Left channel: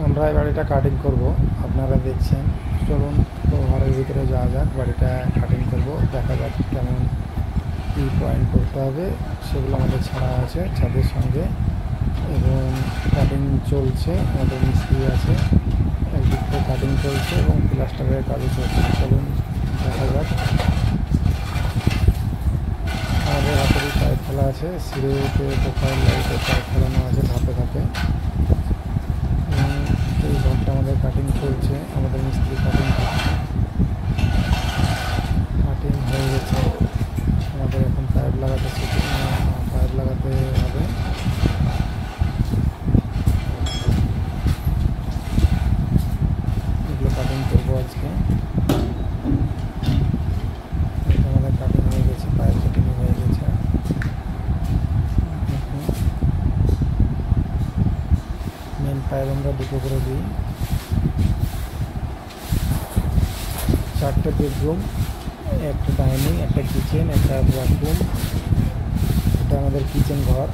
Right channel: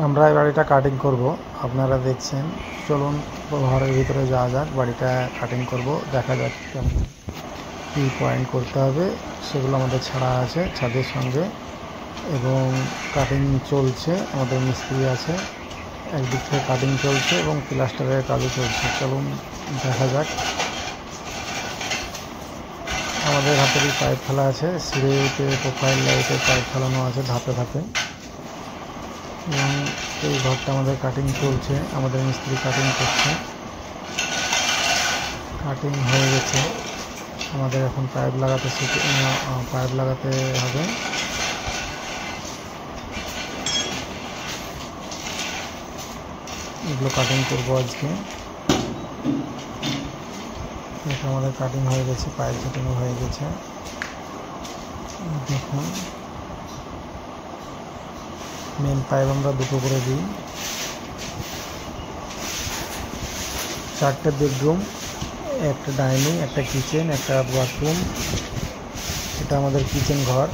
আমরা এই বাড়িটা কাটিং করব, আপনারা দেখছেন। চলুন ঘরের ভিতরে যাওয়া যাক, বাড়িটা কাটিং করব, দেখা যাক কেমন কী পয়েন্ট করতে হবে। সেগুলো আমাদের ছাড়া আছে ছাদের সঙ্গে, এবং কাটিং চলছে। আমাদের মিস্ত্রি আছে, একদিক থেকে কাটিং চলছে এবং প্লাস্টারের কাজও চলছে। চলুন দেখা যাক। আমাদের হাতেরই পাইপ ফেলা আছে, সিঁড়িতে প্রোফাইল লাইটের পাইপ ফেলানো আছে ধাপে ধাপে। এবং এই ঘরটা আমাদের কাটিং চলছে, আমাদের মিস্ত্রি কাটিং করছে। কাটিং হয়ে গেছে, আমাদের এখন পাইপ লাগাতে হবে। এগুলো কাটিং করবো আজকে। এটা আমাদের কাটিং হয়ে গেছে, পাইপ কাটিং হয়ে গেছে। এখন মেন পাইপ আমরা দুটো করে দিই। 4টে বেডরুম, একটা ডাইনিং, একটা কিচেন, একটা বাথরুম। এটা আমাদের কিচেন ঘর,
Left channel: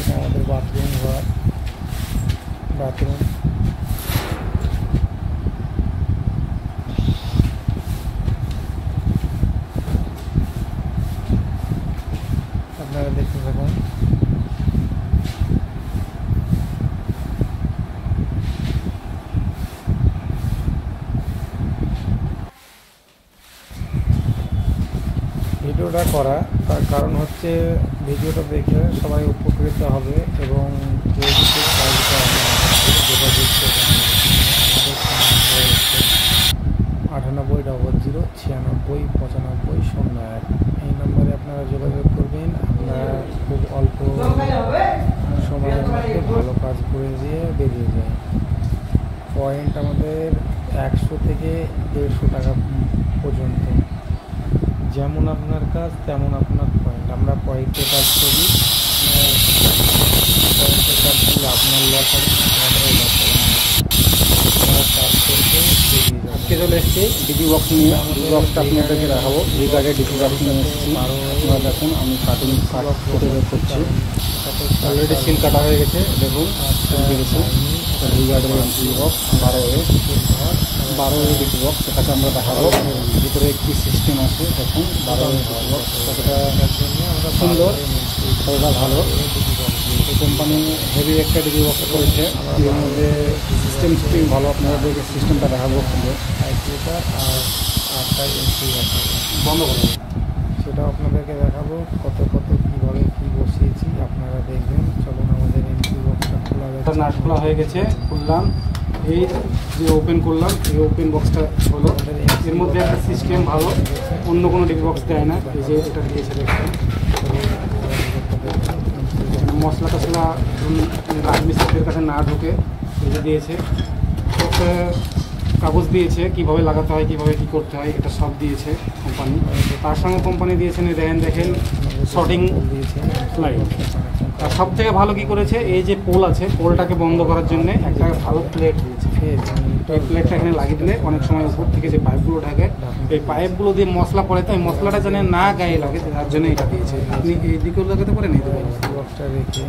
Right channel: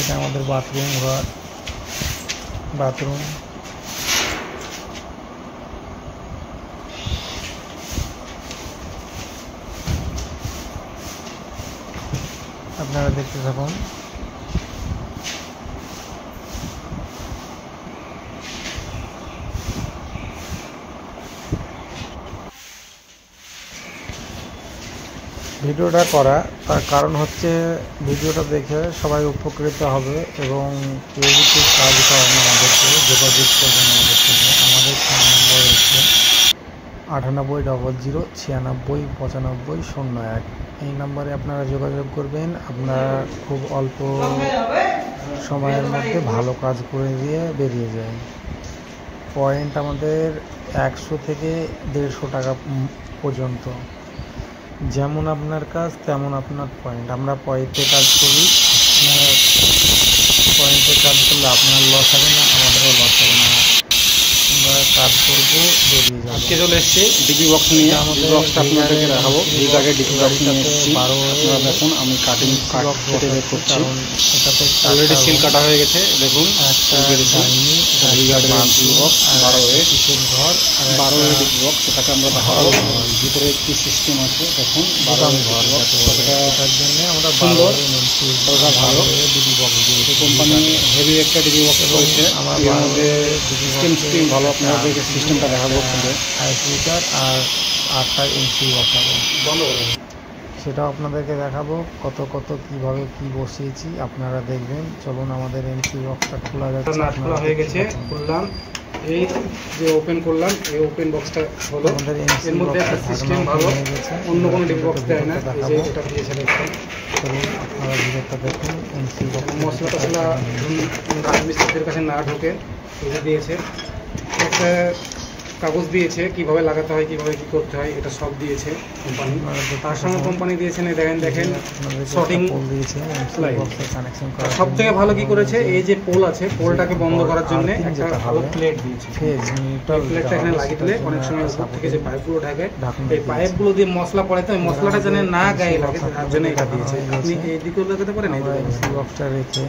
এটা আমাদের বাথরুম ঘর। বাথরুম আপনারা দেখতে থাকুন। ভিডিওটা করা তার কারণ হচ্ছে, ভিডিওটা দেখে সবাই উপকৃত হবে এবং কেউ যদি কাজ করেন আমাদেরকে যোগাযোগ করবেন আমাদের সঙ্গে। আমাদের ফোন নাম্বার হচ্ছে 980096955001। এই নাম্বারে আপনারা যোগাযোগ করবেন। আপনারা খুব অল্প সময়ের মধ্যে ভালো কাজ করে দিয়ে বেরিয়ে যায়। পয়েন্ট আমাদের 100 থেকে 150 টাকা পর্যন্ত। যেমন আপনার কাজ তেমন আপনার পয়েন্ট। আমরা পয়েন্টে কাজ করি, পয়েন্টে কাজ করলে আপনার লস হবে না, আমাদেরও লস হবে না। আমরা কাজ করবো, বেরিয়ে যাবো। আজকে চলে এসেছি ডিপি বক্স নিয়ে। ডিপি বক্সটা আপনাদেরকে দেখাবো। এই গাড়ির ডিপি বক্স নিয়ে এসেছি। আপনারা দেখুন, আমি কাটিং কেটে বের করছি। অলরেডি সিল কাটা হয়ে গেছে, দেখুন সিল কেটেছি। এই গাড়ির DP box 12A DP box, সেটাকে আমরা দেখাবো ভিতরে কি সিস্টেম আছে। দেখুন 12A ডিপি বক্স কতটা সুন্দর, কতটা ভালো। এই কোম্পানি হেভি একটা ডিপি বক্স করেছে, এর মধ্যে সিস্টেম ভালো। আপনাদেরকে সিস্টেমটা দেখাবো খুলে। আর 8টা এন্ট্রি বসাবো, সেটাও আপনাদেরকে দেখাবো কত কীভাবে কী বসিয়েছি, আপনারা দেখবেন। চলুন আমাদের এন্ট্রি বক্সটা খোলা যাচ্ছে। নাট খোলা হয়ে গেছে, খুললাম। এই যে ওপেন করলাম, এই ওপেন বক্সটা হলো। এর মধ্যে একটা সিস্টেম ভালো, অন্য কোনো ডিপি বক্স দেয় না। এই যে এটা দিয়েছে দেখুন, মশলা টশলা রাজমিস্ত্রিদের কাছে না ঢুকে এই যে দিয়েছে। একটা কাগজ দিয়েছে কিভাবে লাগাতে হয়, কিভাবে কি করতে হয়, এটা সব দিয়েছে কোম্পানি। তার সঙ্গে কোম্পানি দিয়েছেন দেখেন শর্টিং লাইট। সব থেকে ভালো কি করেছে, এই যে পোল আছে, পোলটাকে বন্ধ করার জন্য একটা ভালো প্লেট দিয়েছে। প্লেটটা এখানে লাগিয়ে দিলে অনেক সময় উপর থেকে যে পাইপগুলো ঢাকে, এই পাইপগুলো দিয়ে মশলা পড়ে, তো এই মশলাটা যেন না গায়ে লাগে, তার জন্য এটা দিয়েছে। আপনি এই দিকেও লাগাতে পারেন। এই বক্সটা রেখে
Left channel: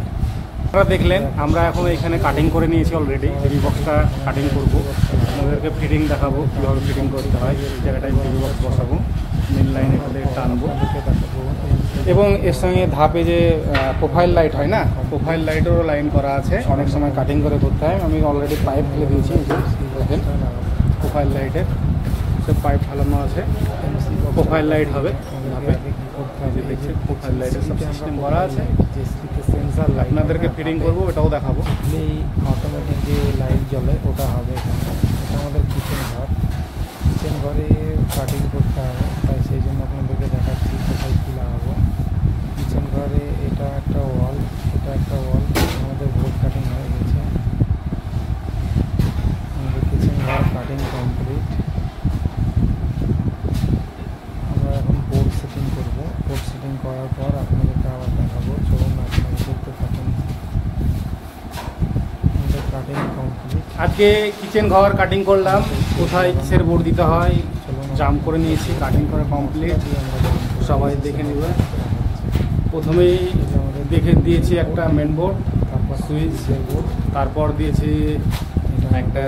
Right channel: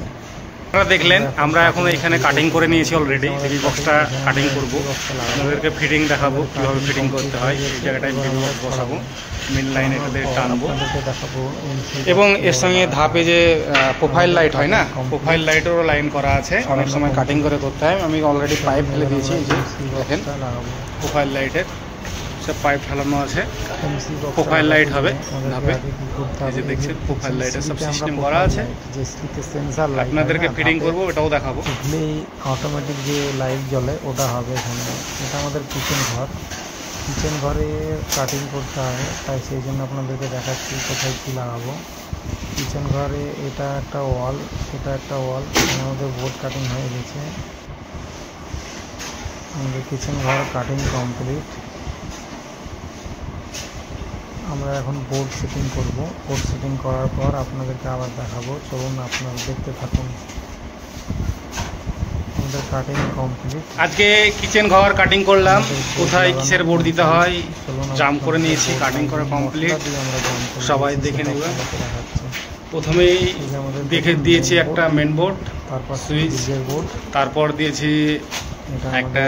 আপনারা দেখলেন, আমরা এখন এখানে কাটিং করে নিয়েছি অলরেডি। ডিপি বক্সটা কাটিং করব, আপনাদেরকে ফিটিং দেখাবো কীভাবে ফিটিং করতে হয়। এই জায়গাটায় ডিপি বক্স বসাবো, মেন লাইন এটাতে টানবো, এবং এর সঙ্গে ধাপে যে প্রোফাইল লাইট হয় না, প্রোফাইল লাইটেরও লাইন করা আছে। অনেক সময় কাটিং করে করতে হয়। আমি অলরেডি পাইপ ফেলে দিয়েছি, এই যে দেখেন প্রোফাইল লাইটের সব পাইপ ফেলানো আছে। প্রোফাইল লাইট হবে ধাপে, এই যে দেখছেন প্রোফাইল লাইটের সব সিস্টেম করা আছে। আপনাদেরকে ফিটিং করবো, এটাও দেখাবো। অটোমেটিক যে লাইট জ্বলে ওটা হবে এখানে। এটা আমাদের কিচেন ঘর, কিচেন ঘরে কাটিং করতে হবে, তাই সেই জন্য আপনাদেরকে দেখাচ্ছি কোথায় কী লাগাবো। কিচেন ঘরে এটা একটা ওয়াল, এটা একটা ওয়াল, আমাদের বোর্ড কাটিং হয়ে গেছে। আমাদের কিচেন ঘর কাটিং কমপ্লিট। আমরা এখন বোর্ড সেটিং করব। বোর্ড সেটিং করার পর আপনাদেরকে আবার দেখাবো। চলুন আপনারা দেখতে থাকুন। আমাদের কাটিং কমপ্লিট। আজকে কিচেন ঘর কাটিং করলাম, কোথায় কিসের বোর্ড দিতে হয় জাম করে নিয়েছি। কাটিং করা কমপ্লিট, সবাই দেখে নেবে। প্রথমেই এই যে আমাদের দেখে দিয়েছি একটা মেন বোর্ড, তারপর সুইচ, ফ্রিজের বোর্ড, তারপর দিয়েছি এটা একটা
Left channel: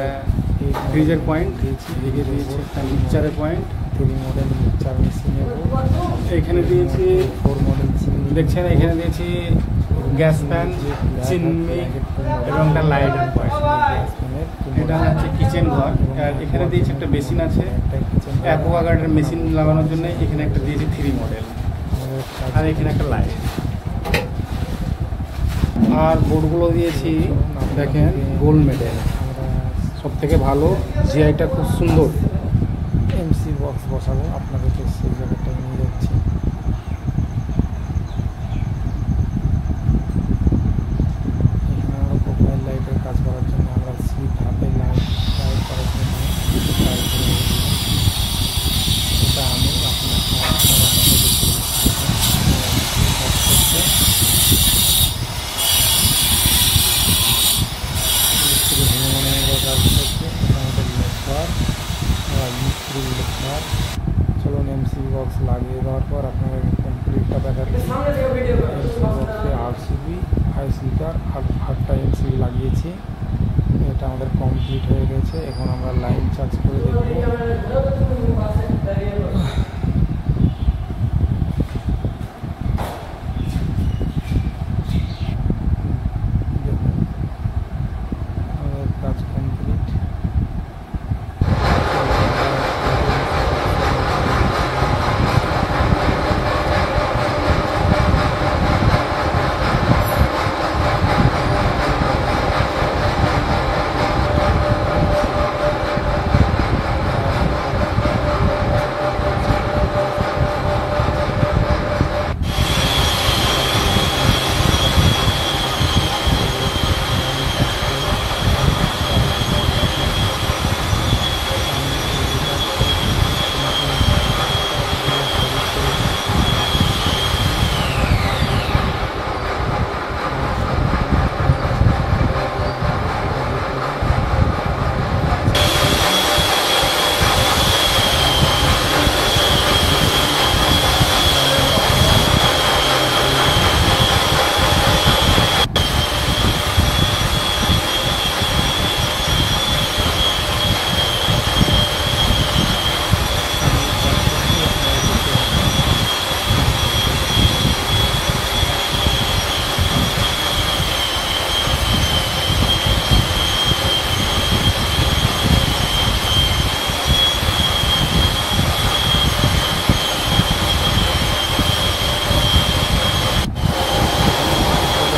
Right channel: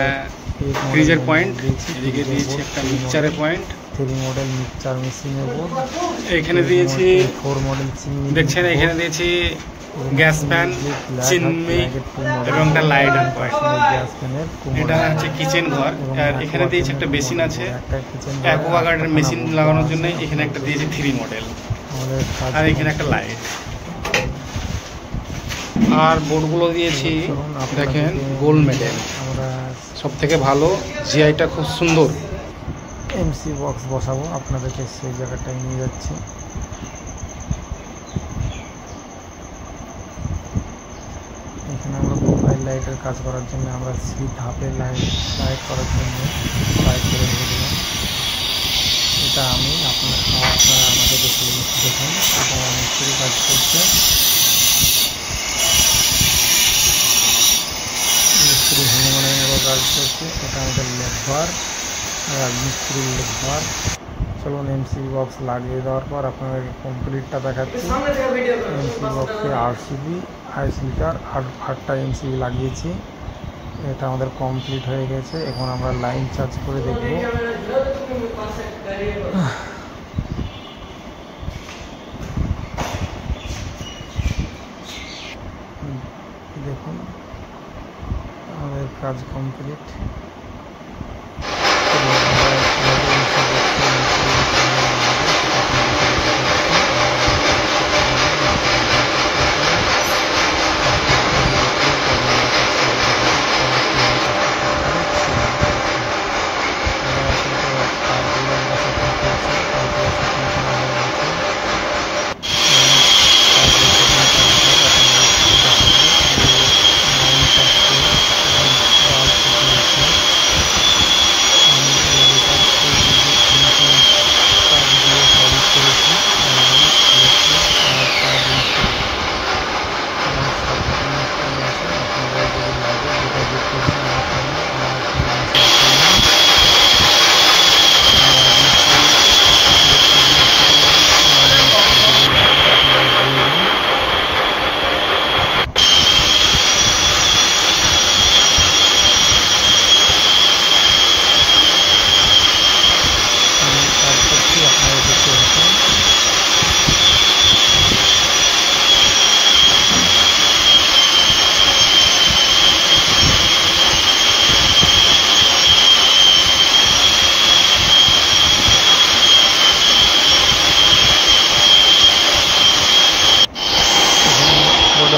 আমাদের ফ্রিজের পয়েন্ট, এদিকে দিয়েছি একটা মিক্সচারের পয়েন্ট, 3 মডেল মিক্সচার মেশিনের বোর্ড, এইখানে দিয়েছি 4 মডেল চিমনি দেখছেন, এখানে দিয়েছি গ্যাস ফ্যান, চিমনি এবং একটা লাইটার পয়েন্ট। গ্যাস ফ্যানের এটা হচ্ছে কিচেন ঘর, আর এখানে দিয়েছি একটা বেসিন আছে, একটা কিচেন অ্যাকোয়াগার্ডের মেশিন লাগানোর জন্য এখানে একটা দিয়েছি 3 মডেল, আমাদের আর এখানে একটা লাইট। আর বোর্ডগুলো দিয়েছি দেখেন গোল্ড মেডেল, আমরা সব থেকে ভালো, জিআইটা খুব সুন্দর। এমসি বক্স বসাবো, আপনাদেরকে সেই জায়গাটায় নিয়ে যাচ্ছি। এখানে আমরা প্রোফাইল লাইটের কাজ করার জন্য আমরা ধাপে লাইট করার জন্য লাইট করে রেখেছিলাম। এটা আমি আপনারা আমাদের দেখে দেখুন মিস্ত্রি কাজ করছে, মিস্ত্রি হনুমানের কাজ করছে। এটা আমাদের লেবার, রাজমিস্ত্রির লেবার। চলুন এমসি বক্স লাগিয়ে দেওয়ার পর আপনাদেরকে কমপ্লিটটা দেখাচ্ছি। এমসি বক্সে 8 সিবি 28 লিটার 8টা এমসিবি লাগিয়েছি। এটা আমাদের কমপ্লিট হয়ে গেছে। এখন আমরা লাইন চার্জ করে দেখব। দেখুন আমাদের কাজ কমপ্লিট।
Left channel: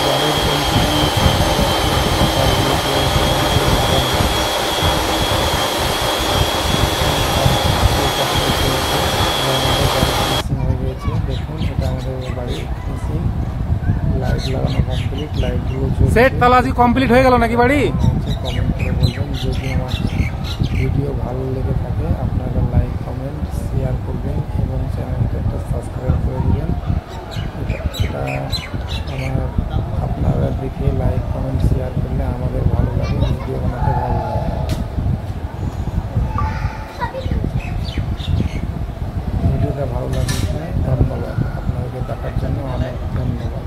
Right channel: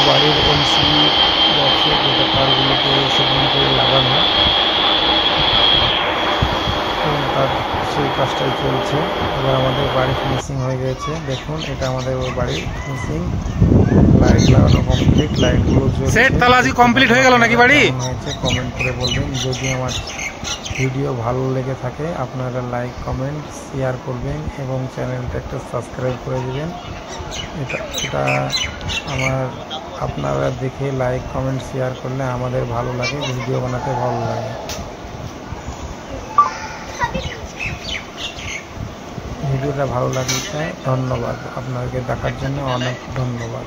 বাড়ির এমসি তারগুলোকে লাগানো সেই কাজটাই চলছে। এবার আমাদের বাড়ি ফিনিশিং হয়ে গেছে। দেখুন এটা আমাদের বাড়ি ফিনিশিং, লাইট লাগানো কমপ্লিট, লাইটগুলো সেট তাহলে আজকে কমপ্লিট হয়ে গেল নাকি বাড়ি? হয়েছে কমেন্ট করে বলবেন। যদি আমার ভিডিও ভালো লেগে থাকে আপনারা লাইক কমেন্ট শেয়ার করবেন এবং চ্যানেলটা একটা সাবস্ক্রাইব করে দেবেন। এটা আপনারা দেখে লাইক কমেন্ট শেয়ার করলে আমাদের ভালো লাগে, ভিডিও বানাতে ভালো লাগে। ভিডিওটা ভালো লাগলে ধন্যবাদ, আপনাদেরকে দেখার জন্য অনেক ধন্যবাদ।